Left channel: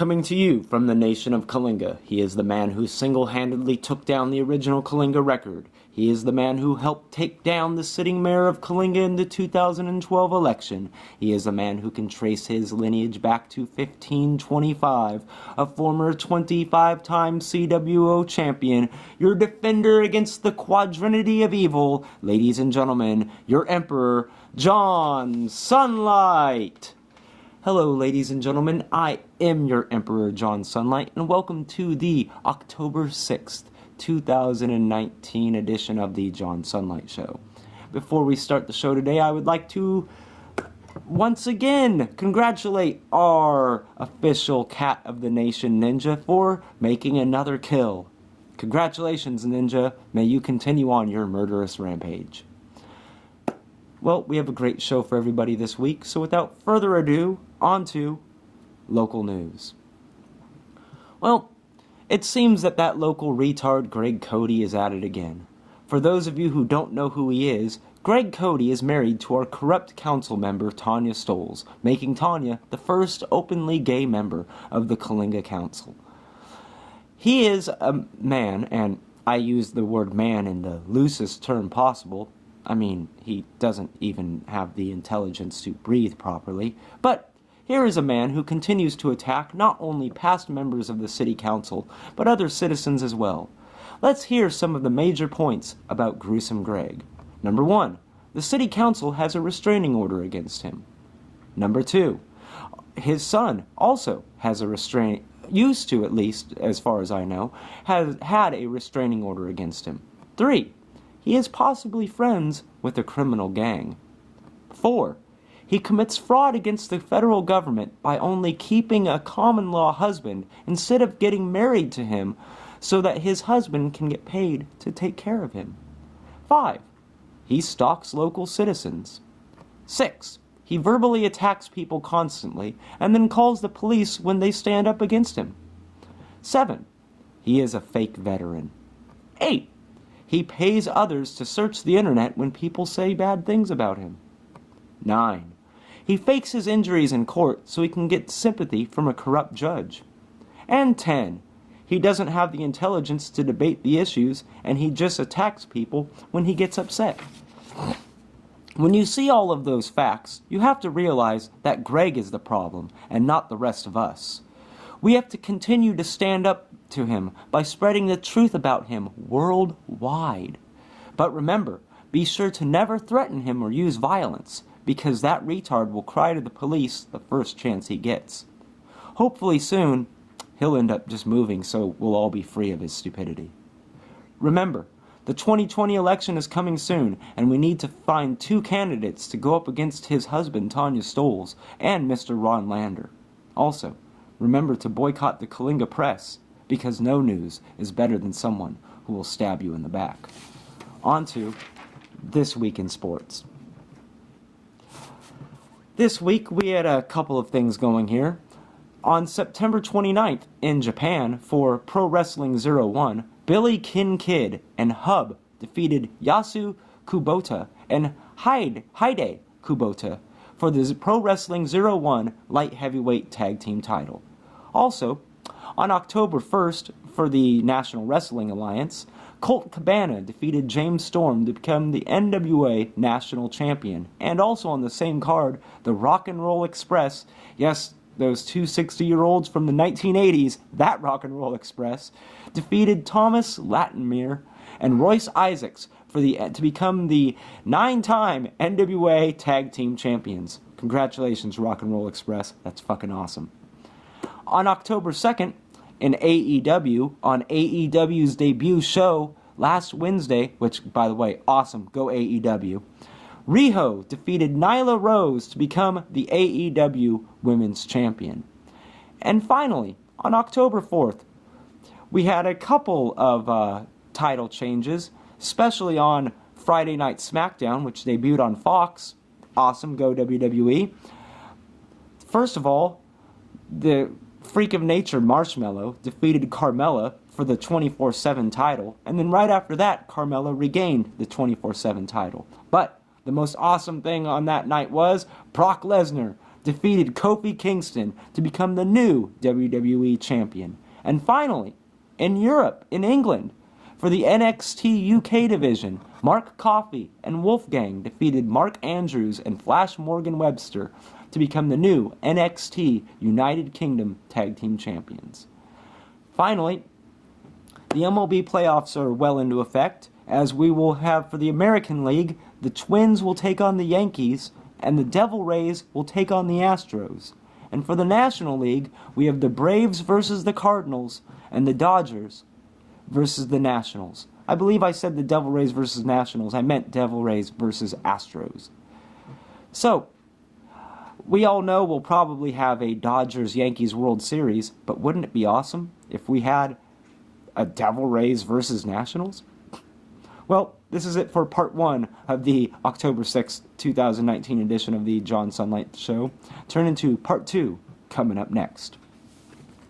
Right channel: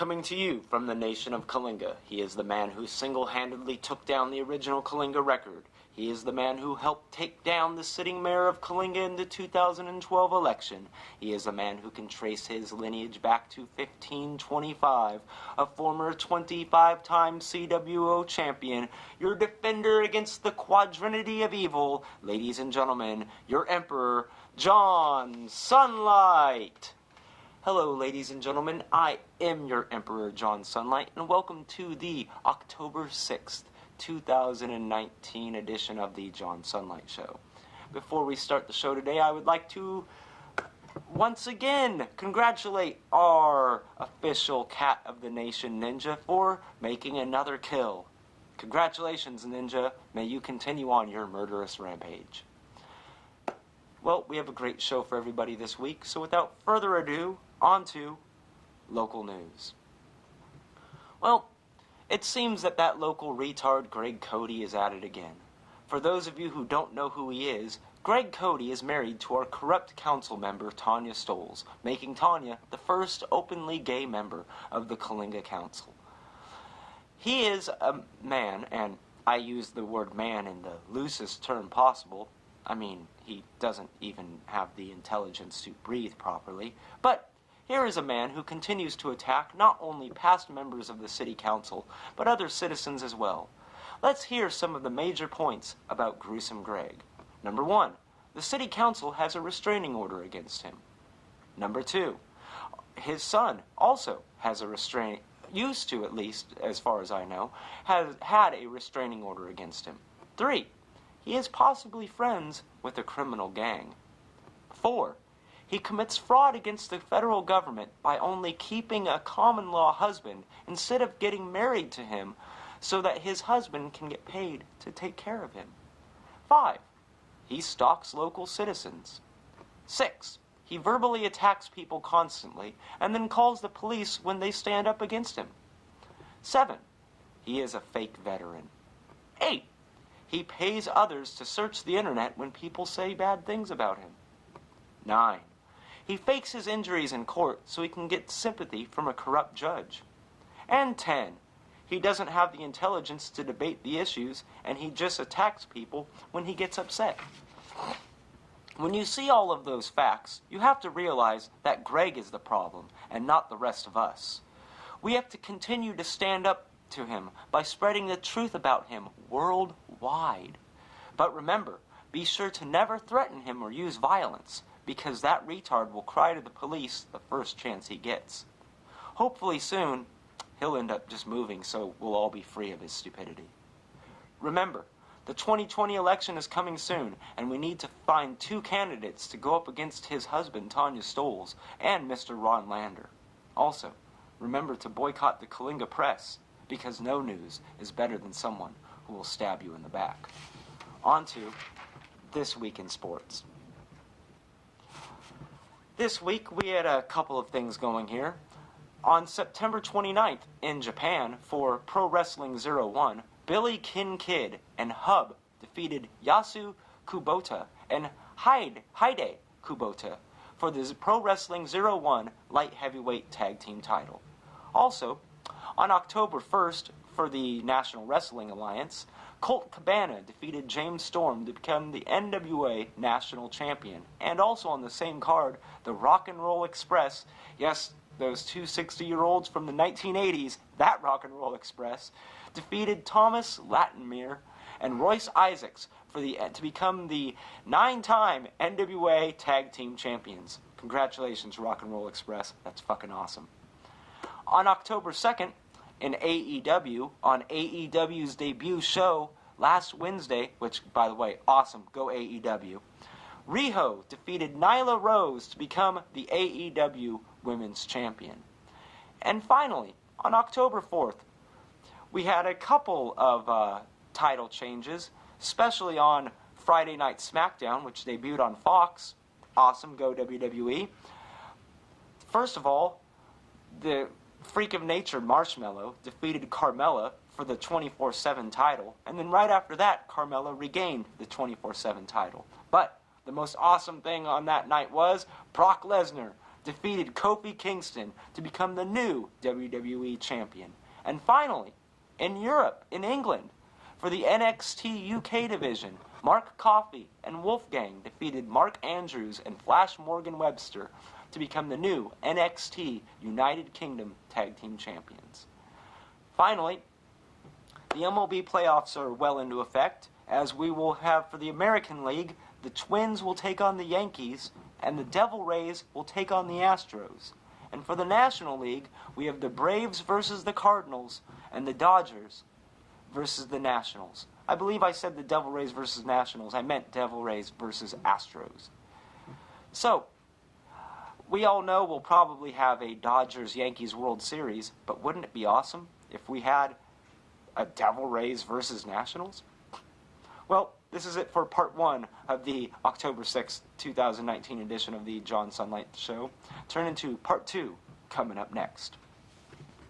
Coming to you from the nation of Kalinga, he is the man who single-handedly took down the original Kalinga record. He is the man who helped take down the sitting mayor of Kalinga in the 2012 election. He is a man who can trace his lineage back to 1525, a former 25-time CWO champion, your defender against the quadrinity of evil, ladies and gentlemen, your emperor, John Sunlight. Hello, ladies and gentlemen, I am your Emperor John Sunlight, and welcome to the October 6th, 2019 edition of the John Sunlight Show. Before we start the show today, I would like to once again congratulate our official Cat of the Nation Ninja for making another kill. Congratulations, Ninja. May you continue on your murderous rampage. Well, we have a great show for everybody this week, so without further ado, on to local news. Well, it seems that local retard Greg Cody is at it again. For those of you who don't know who he is, Greg Cody is married to our corrupt council member Tanya Stoles, making Tanya the first openly gay member of the Kalinga Council. He is a man, and I use the word man in the loosest term possible. I mean, he doesn't even have the intelligence to breathe properly, but here is a man who continues to attack not only past members of the city council, but other citizens as well. Let's hear some of the major points about Gruesome Greg. Number 1, the city council has a restraining order against him. Number 2, his son also has used to, at least as far as I know, has had a restraining order against him. 3, he is possibly friends with a criminal gang. 4, he commits fraud against the federal government by only keeping a common-law husband instead of getting married to him so that his husband can get paid to take care of him. 5, he stalks local citizens. 6, he verbally attacks people constantly and then calls the police when they stand up against him. 7, he is a fake veteran. 8, he pays others to search the internet when people say bad things about him. 9, he fakes his injuries in court so he can get sympathy from a corrupt judge. And 10, he doesn't have the intelligence to debate the issues, and he just attacks people when he gets upset. When you see all of those facts, you have to realize that Greg is the problem, and not the rest of us. We have to continue to stand up to him by spreading the truth about him worldwide. But remember, be sure to never threaten him or use violence, because that retard will cry to the police the first chance he gets. Hopefully soon, he'll end up just moving so we'll all be free of his stupidity. Remember, the 2020 election is coming soon, and we need to find 2 candidates to go up against his husband, Tanya Stoles, and Mr. Ron Lander. Also, remember to boycott the Kalinga Press, because no news is better than someone who will stab you in the back. On to This Week in Sports. This week, we had a couple of things going here. On September 29th in Japan for Pro Wrestling 01, Billy Kid and Hub defeated Yasu Kubota and Hide Kubota for the Pro Wrestling 01 Light Heavyweight Tag Team title. Also, on October 1st for the National Wrestling Alliance, Colt Cabana defeated James Storm to become the NWA National Champion. And also on the same card, the Rock and Roll Express, yes, those 2 60-year-olds from the 1980s, that Rock and Roll Express, defeated Thomas Latimer and Royce Isaacs to become the 9-time NWA Tag Team Champions. Congratulations, Rock and Roll Express. That's fucking awesome. On October 2nd, in AEW, on AEW's debut show last Wednesday, which, by the way, awesome, go AEW, Riho defeated Nyla Rose to become the AEW Women's Champion. And finally, on October 4th, we had a couple of title changes, especially on Friday Night SmackDown, which debuted on Fox. Awesome, go WWE. First of all, the Freak of Nature Marshmallow defeated Carmella for the 24/7 title, and then right after that, Carmella regained the 24/7 title. But the most awesome thing on that night was Brock Lesnar defeated Kofi Kingston to become the new WWE Champion. And finally, in Europe, in England, for the NXT UK division, Mark Coffey and Wolfgang defeated Mark Andrews and Flash Morgan Webster to become the new NXT United Kingdom Tag Team Champions. Finally, the MLB playoffs are well into effect, as we will have for the American League, the Twins will take on the Yankees, and the Devil Rays will take on the Astros. And for the National League, we have the Braves versus the Cardinals, and the Dodgers versus the Nationals. I believe I said the Devil Rays versus Nationals. I meant Devil Rays versus Astros. So, we all know we'll probably have a Dodgers-Yankees World Series, but wouldn't it be awesome if we had a Devil Rays versus Nationals? Well, this is it for part 1 of the October 6th, 2019 edition of the John Sunlight Show. Turn into part 2 coming up next.